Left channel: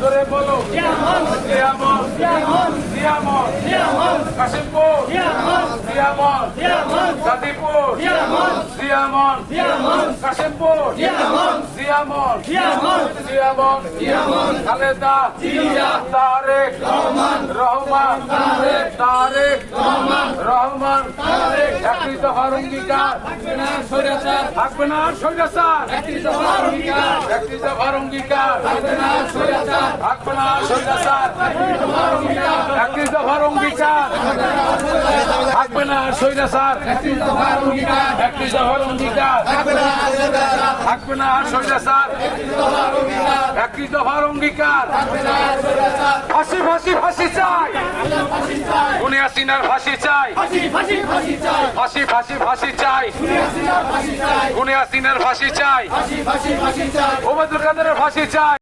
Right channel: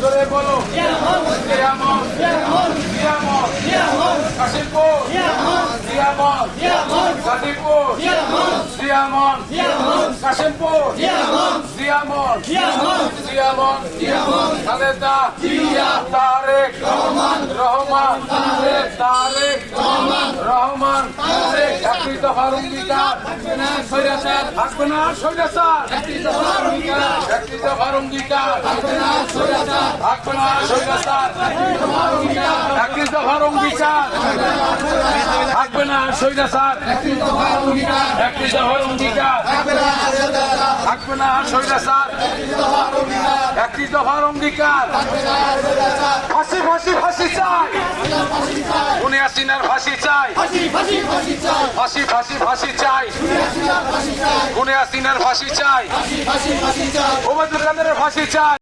জোরে বলো কাশিমপুর গাজীপুর কাশিমপুর খালেদা তারেক রহমান একটি দফার অঙ্গীকার থাকবে না স্বৈরাচার একটি দফার অঙ্গীকার থাকবে না স্বৈরাচার একটি দফার অঙ্গীকার থাকবে না স্বৈরাচার একটি দফার অঙ্গীকার থাকবে না স্বৈরাচার একটি দফার অঙ্গীকার ফাঁসি ফাঁসি ফাঁসি চাই খুনি হাসিনার ফাঁসি চাই ফাঁসি ফাঁসি ফাঁসি চাই খুনি হাসিনার ফাঁসি চাই ওবায়দুল কাদেরের ফাঁসি চাই।